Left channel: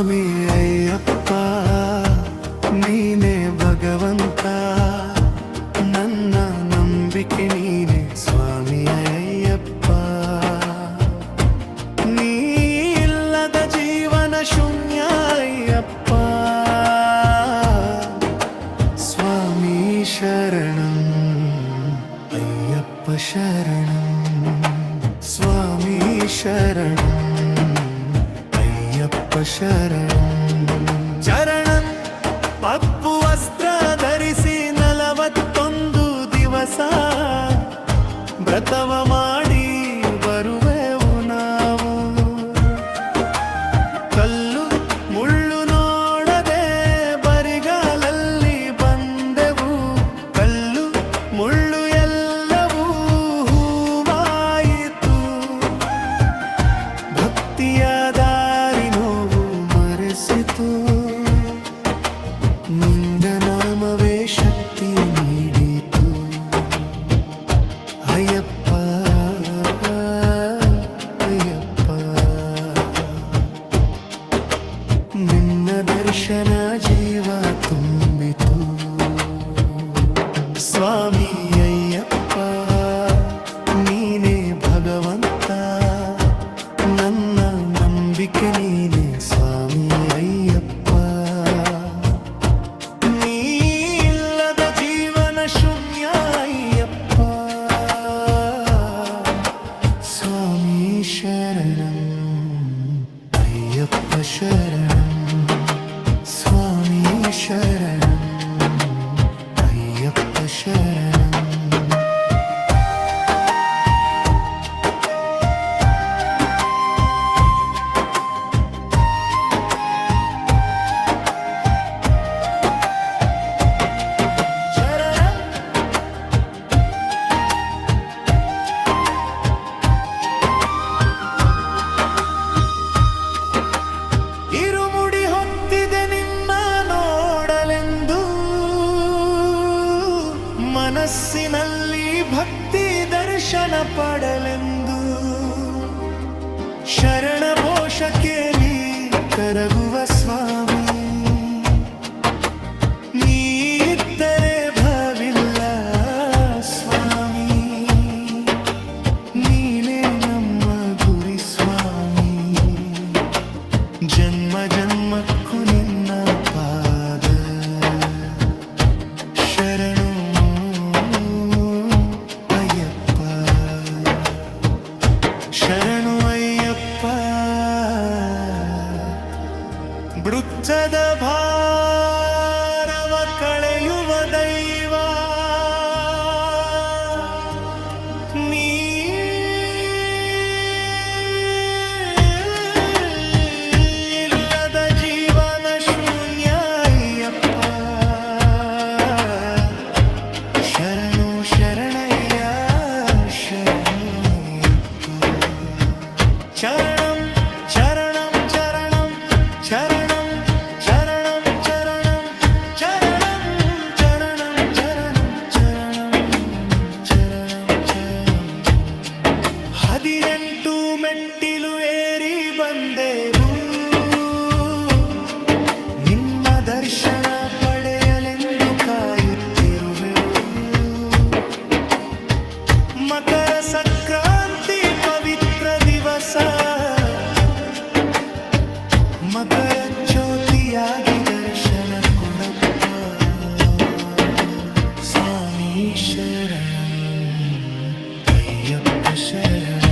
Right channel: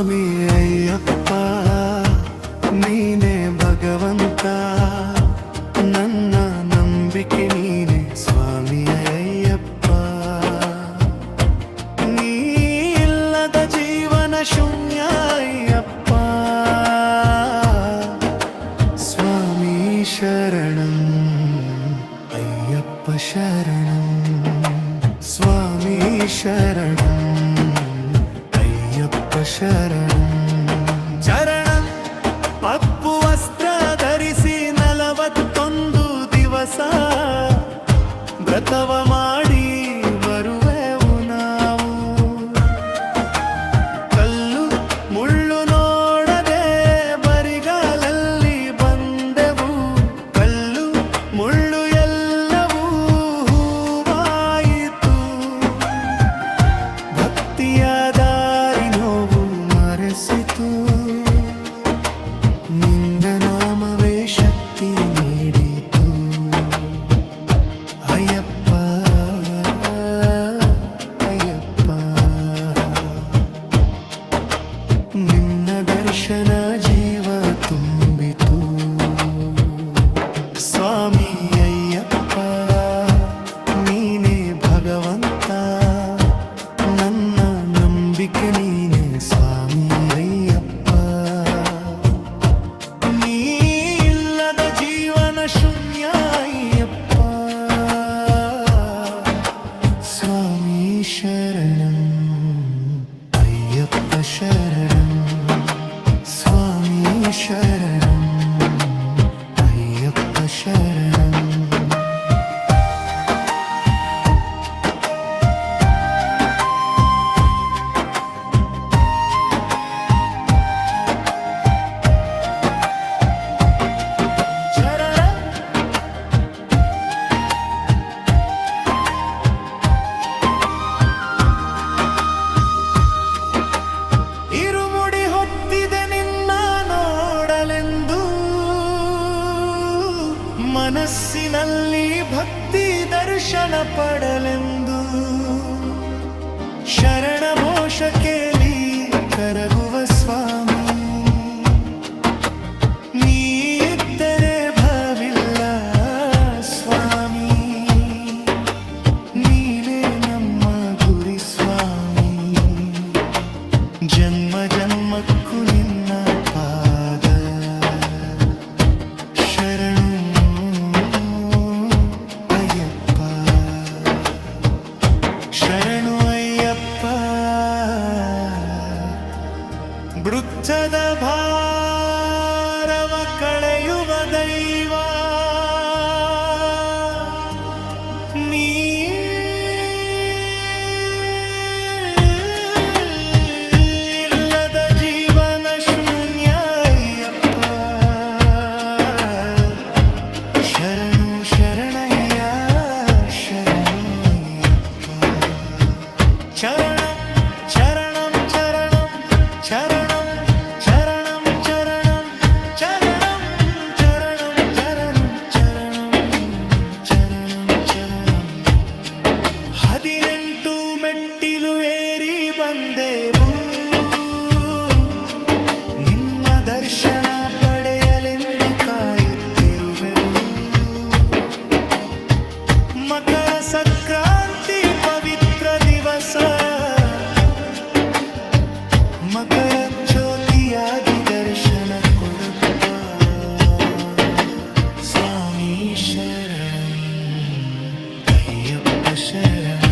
ಸ್ವಾಮಿ ಅಯ್ಯಪ್ಪ ನೀನೇ ಭಗವಂತ, ನನ್ನ ನಂಬಿಕೆ ನೀನೆ ಸ್ವಾಮಿ ಅಯ್ಯಪ್ಪ. ನೀ ಇಲ್ಲದ ಜೀವನ ಶೂನ್ಯ ಅಯ್ಯಪ್ಪ. ಸ್ವಾಮಿ ಶರಣಂ ಅಯ್ಯಪ್ಪ ಶರಣಂ, ಸ್ವಾಮಿ ಶರಣಂ ಅಯ್ಯಪ್ಪ ಶರಣಂ. ಚರಣಂ ಪಪ್ಪು ವಸ್ತ್ರ ಧರಿಸಿ 41 ದಿವಸ ವ್ರತವ ಮಾಡಿ ಬರುವೆವು ನಾವು. ಕಲ್ಲು ಮುಳ್ಳು ನೋಡದೆ ಬರಿಗಾಲಲ್ಲಿ ಬಂದೆವು, ಕಲ್ಲು ಮುಳ್ಳು ಎಲ್ಲವೂ ಹೂವಾಯಿತು. ಭಕ್ತಿಯ ದಾರಿ ನೋವು ಮರೆಸಿತು, ನಿಂದ ನಾಮವೇ ಶಕ್ತಿ ನೀಡಿತು. ಅಯ್ಯಪ್ಪ ಅಯ್ಯಪ್ಪ, ನಿನ್ನ ದರ್ಶನ ಜೀವ ತುಂಬಿತು. ಸ್ವಾಮಿ ಅಯ್ಯಪ್ಪ ನೀನೇ ಭಗವಂತ, ನನ್ನ ನಂಬಿಕೆ ನೀನೆ ಸ್ವಾಮಿ ಅಯ್ಯಪ್ಪ. ನೀ ಇಲ್ಲದ ಜೀವನ ಶೂನ್ಯ ಅಯ್ಯಪ್ಪ. ಸ್ವಾಮಿ ಶರಣಂ ಅಯ್ಯಪ್ಪ ಶರಣಂ, ಸ್ವಾಮಿ ಶರಣಂ ಅಯ್ಯಪ್ಪ ಶರಣಂ. ಇರುಮುಡಿ ಹೊತ್ತಿದೆ ನಿನ್ನ ನೋಡಲೆಂದು, ಮನಸ್ಸಿನಲ್ಲಿ ಭಕ್ತಿ ದರ್ಶನ ಪಡಲೆಂದು. ಶರಣ ಘೋಷ ಕೇಳಿ ಕರಗುವ ಸ್ವಾಮಿ, ನೀ ಇದ್ದರೆ ಭವಿಲ್ಲ ಸ್ವಾಮಿ. ನೀನೇ ನಮ್ಮ ಗುರಿ ಸ್ವಾಮಿ, ಜನ್ಮ ಜನ್ಮಕ್ಕೂ ನಿನ್ನ ಪಾದ ಶರಣು ಅಯ್ಯಪ್ಪ. ಶರಣು ಅಯ್ಯಪ್ಪ, ವೃತ್ತದ ಭಾರವ ಕಳೆಯುವ ದೈವ ನೀ. ಶೂನ್ಯ ಅಯ್ಯಪ್ಪ, ಶರಣು ಶರಣಯ್ಯ ಶರಣು ಅಯ್ಯಪ್ಪ. ಚರಣಂ ಚರಣಂ ಚರಣಂ ಚರಣಂ ಚರಣಂ ಚರಣಂ ಚರಣಂ ಚರಣಂ ಚರಣಂ ಚರಣಂ ಚರಣಂ ಚರಣಂ. 18 ಮೆಟ್ಟಿಲು ಏರಿ ಬಂದೆವು, ನಿನ್ನ ದರ್ಶನ ಪಡೆಯಲೆಂದು ಕಾಯುತ್ತಿರುವೆವು. ಮಕರ ಸಂಕ್ರಾಂತಿ ಪವಿತ್ರ ದಿವಸ, ಮಕರ ಜ್ಯೋತಿಯಾಗಿ ದರ್ಶನ ಕೊಡಪ್ಪ. ಸ್ವಾಮಿ ಶರಣಂ ಅಯ್ಯಪ್ಪ ಶರಣಂ.